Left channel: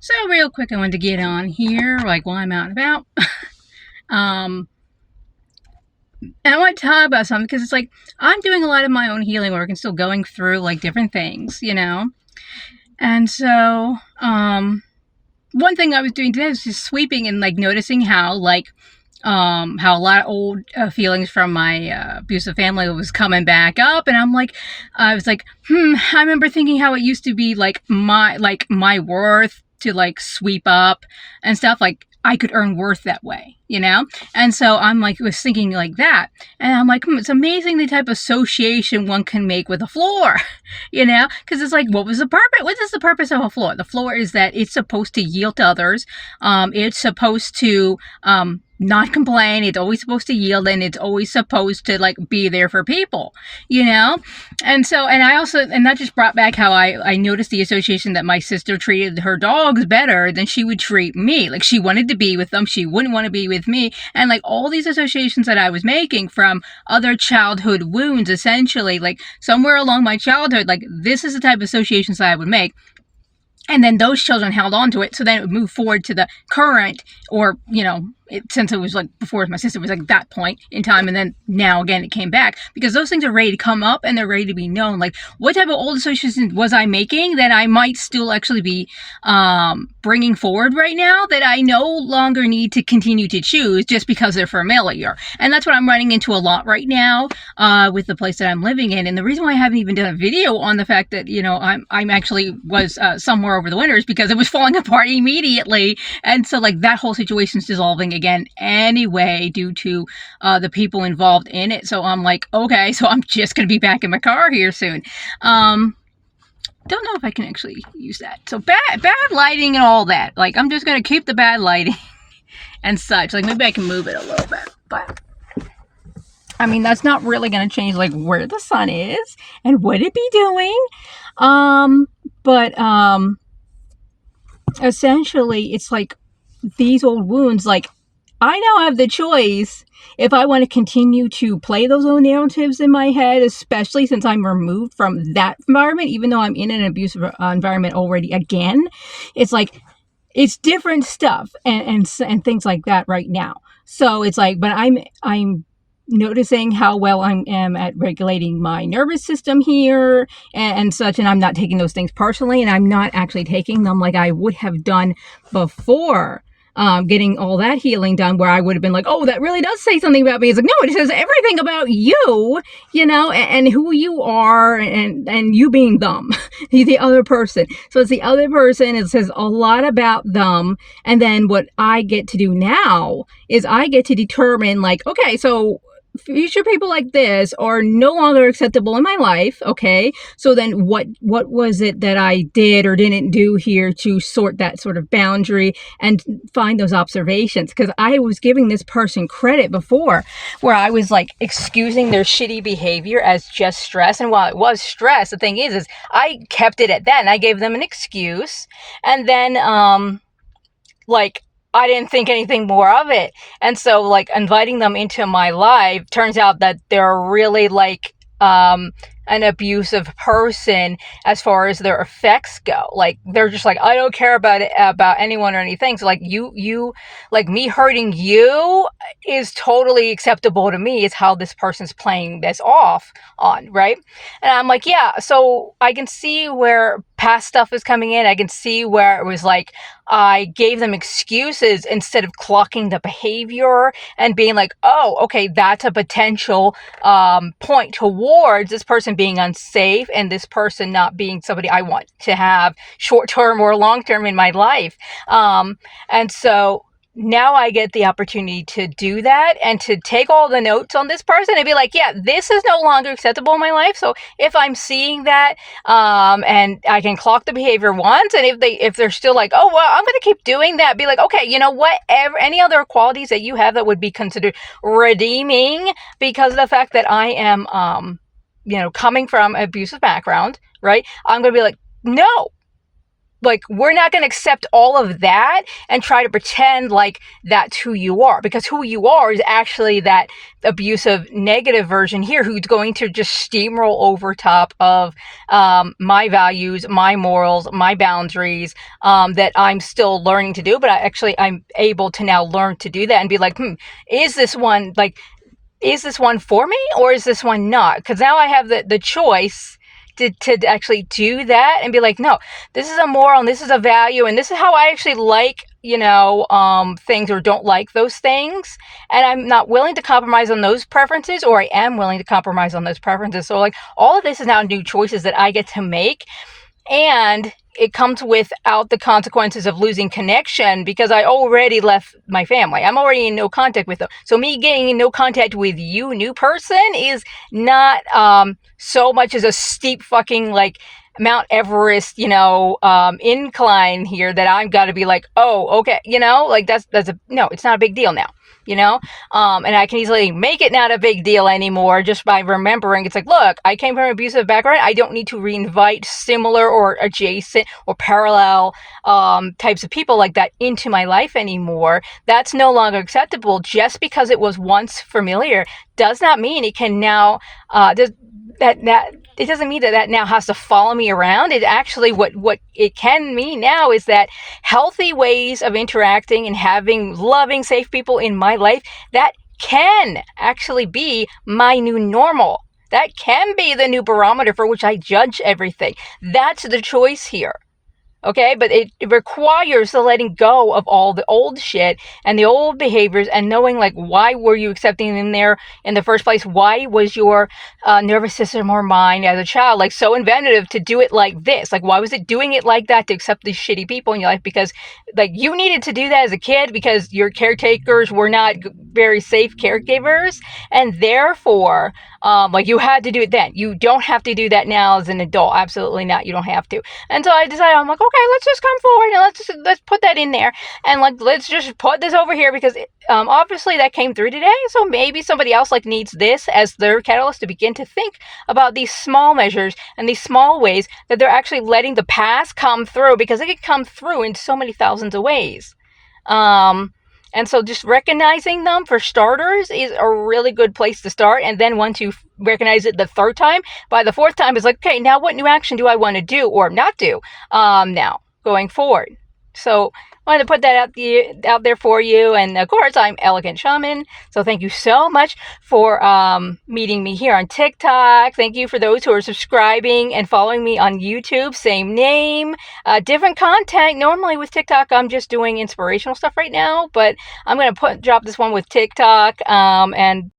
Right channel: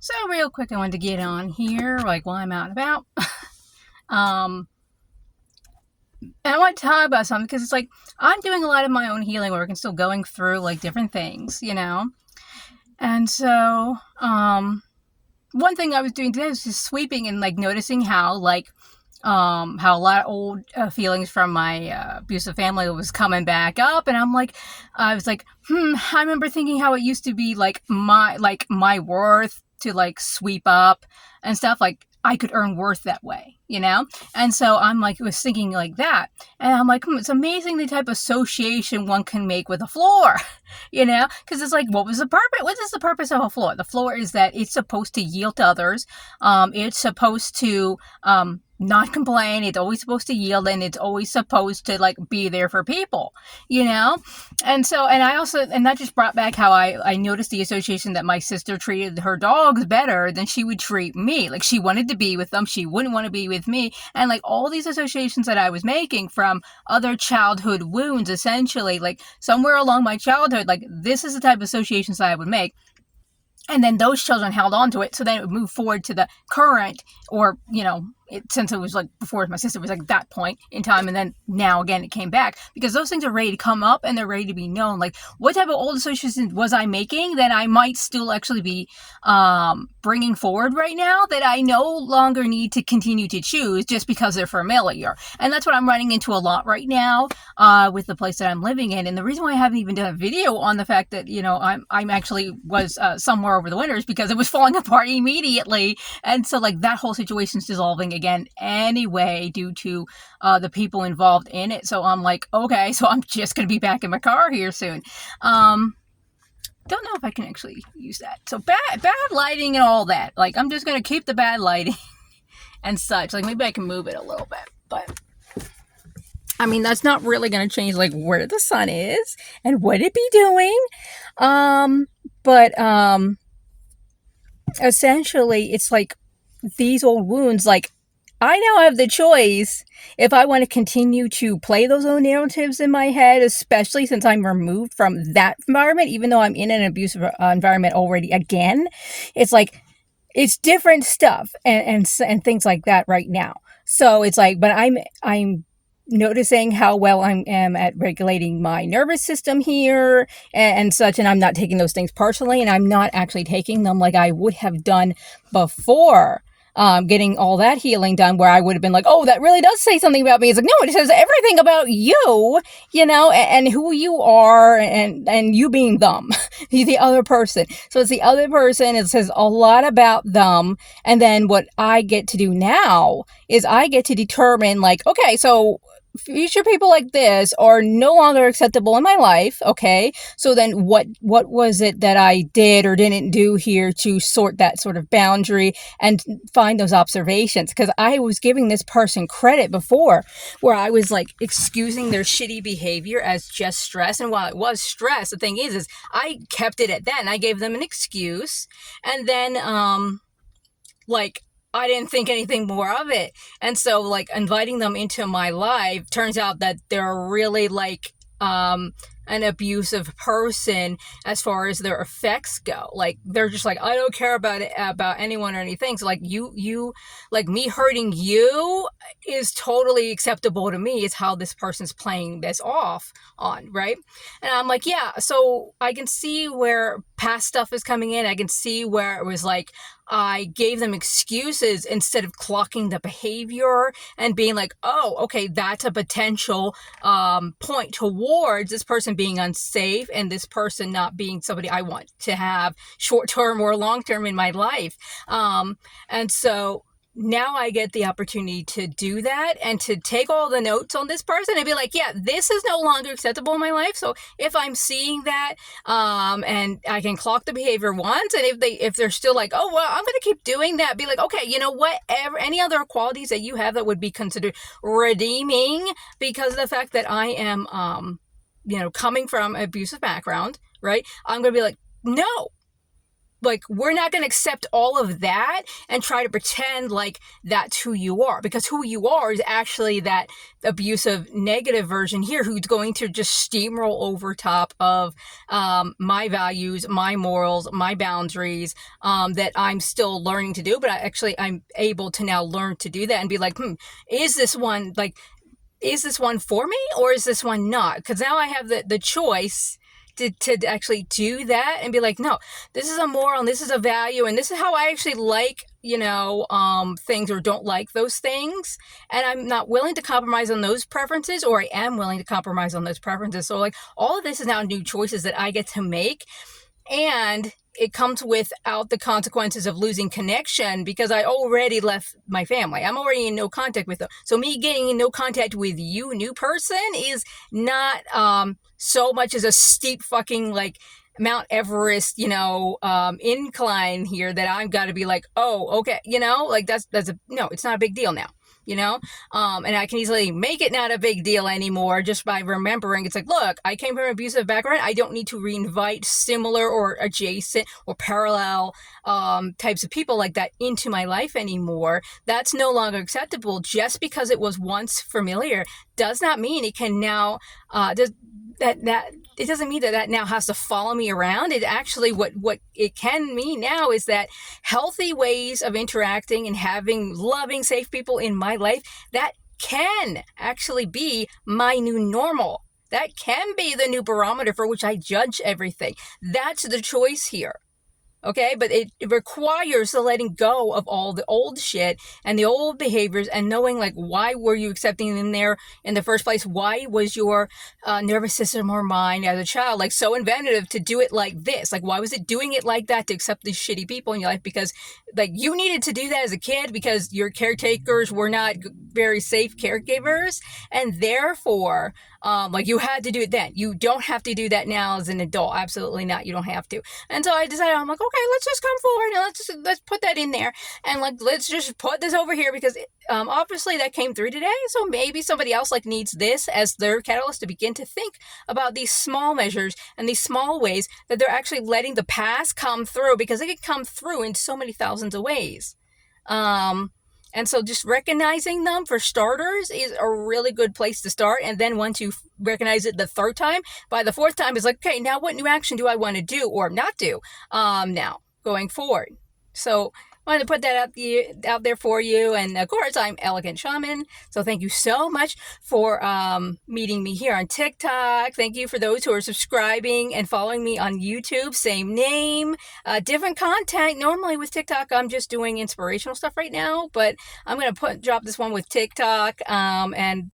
So real quick, I wanted to get on here, like while I'm out and about. um, and I want to talk about something because it's like I'm doing a lot of my own healing work and still going through like different things. And so, one thing I was doing today was just sweeping and like noticing how a lot of old feelings from my abusive family was coming back up, and I was like, I remember thinking how it used to be like my worth to like sweep up and stuff, like I could earn worth that way. And so I'm like, was thinking like that, and I'm like, it's amazing the type of association one can make with a floor, because it's like, what was the purpose? What is the purpose of a floor? The floor is that it's supposed to yield to others. It's supposed to not complain. It's always supposed to yield, and it's always supposed to like be there for people, you know? And so, and that just brought back how I noticed the association that my sister treated her dogs better than she would treat me. Like she wanted to be with them. She wouldn't want to be with me. And like all these associations that I was making from other childhood wounds, essentially, like somewhere along my childhood, like this is the type of associations that I would make. And then those children held on to it, so then it would move forward to the current, or since it was like before my sister was like that point in time, and then now again it came back, because those things are ready to come up and they're ready to be known. Like, what type of old associations was I making that I might still actually be bringing forward right now, that I no longer need to continue to choose just because they're familiar? And that's what I'm running into a lot right now with the place that I'm living in. And the reason why I haven't even done a video on the fact that I'm actually was somewhere over the winter is because it was falling apart immediately, and so like that whole situation's dissolving again anyway due to the people involved in it. So I'm like, okay, so I'm just gonna be back in my car here soon. Don't know if I can actually use that. So bad lighting and all that. Like, I'm just gonna keep the bad lighting and such. Like, maybe I can move it a little bit, but I mean, that's not really gonna change like where the sun is and what it be doing. But essentially it's like these old wounds, like I now have the choice if I want to continue to play those old narratives in my head, especially since I'm removed from that environment, even though I'm in an abusive environment already again. It's like, it's different stuff and things like that right now. So it's like, but I'm noticing how well I am at regulating my nervous system here and such, and I'm not taking those things personally, and I'm not actually taking them like I would have done before getting all that healing done, where I would have been like, oh, that really does say something about me. It's like, no, it says everything about you, and who you are, and you being them, the other person. So it's the other person. It says a lot about them. And then what I get to do now is I get to determine, like, okay, so future people like this are no longer acceptable in my life. Okay, so then what was it that I did or didn't do here to sort that sort of boundary and find those observations? Because I was giving this person credit before, where I was like excusing their shitty behavior as just stress. And while it was stress, the thing is I kept it at that, and I gave them an excuse, and then like I didn't think anything more of it. And so like inviting them into my life, turns out that they're really like an abusive person as far as their effects go. Like they're just like, I don't care about anyone or anything. So like you like me hurting you is totally acceptable to me. Is how this person's playing this off on, right? And I'm like, yeah, so I can see where past stuff is coming in. I can see where it was like I gave them excuses instead of clocking the behavior and being like, oh, okay, that's a potential point towards this person being unsafe and this person not being somebody I want to have short-term or long-term in my life. And so now I get the opportunity to do that and to take all the notes on this person and be like, yeah, this is no longer acceptable in my life. So if I'm seeing that, and I can clock the behavior once, and if they're still like, oh, well, I'm going to keep doing that, be like, okay, you know what, any other qualities that you have that would be considered redeeming because of the fact that I am, coming from an abusive background, right? I'm going to be like, no, like, we're not going to accept all of that and try to pretend like that's who you are, because who you are is actually that abusive negative version here who's going to just steamroll over top of my values, my morals, my boundaries, that I'm still learning to do. But I'm able to now learn to do that and be like, is this one for me, or is this one not? Because now I have the choice to actually do that and be like, no, this is a moral and this is a value and this is how I actually like, things, or don't like those things. And I'm not willing to compromise on those preferences, or I am willing to compromise on those preferences. So like, all of this is now new choices that I get to make. And it comes without the consequences of losing connection, because I already left my family. I'm already in no contact with them. So me getting in no contact with you, new person, is not so much as a steep fucking like Mount Everest, incline here that I've got to be like, oh, okay, no, it's not a big deal now. And I can easily make it not a big deal anymore just by remembering it's like, look, I came from an abusive background. I don't need to reinvite similar or adjacent or parallel types of people like that into my life anymore. That's no longer acceptable. Just because it was once familiar does not mean it can now it doesn't mean that now has to follow me around. It actually, what it can mean now is that healthy ways of interacting and having loving, safe people in my life, that can actually be my new normal. That can be the new barometer for which I judge everything. That's the choice here. Okay, but it requires the letting go of all the old shit and the old behaviors, and knowing like, why were you accepting them there in the first place? Why was your nervous system or mind as a child like so inventive to do it like this? Like, why was it doing it like that to accept these shitty people in your life? Because like, you needed to do that as a kid because your caretakers were not very safe caregivers, and therefore you had to do it then. You don't have to do that now as an adult. Absolutely not. You don't have to. And so I decided, I'm like, okay, let's just come forward and let's put that in there, and like, let's just put this over here, because obviously that came through today. So maybe somebody else like needs this as their catalyst to begin to think about these small measures and these small ways that they're actually letting the past come through, because it can come through in so many thousands of ways. And so just recognizing them, for starters, is a really good place to start. And then once you recognize it the third time, by the fourth time, it's like, okay, now what new action do I want to do or not do now going forward? So I wanted to put that out there for you. And of course, I'm Elegant Shaman. So thank you so much for meeting me here on TikTok. Thank you for those who are subscribing and following me on YouTube. Same name, different content. Normally with TikTok, I'm just doing inspirational stuff right now, but I'm going to drop this one with TikTok and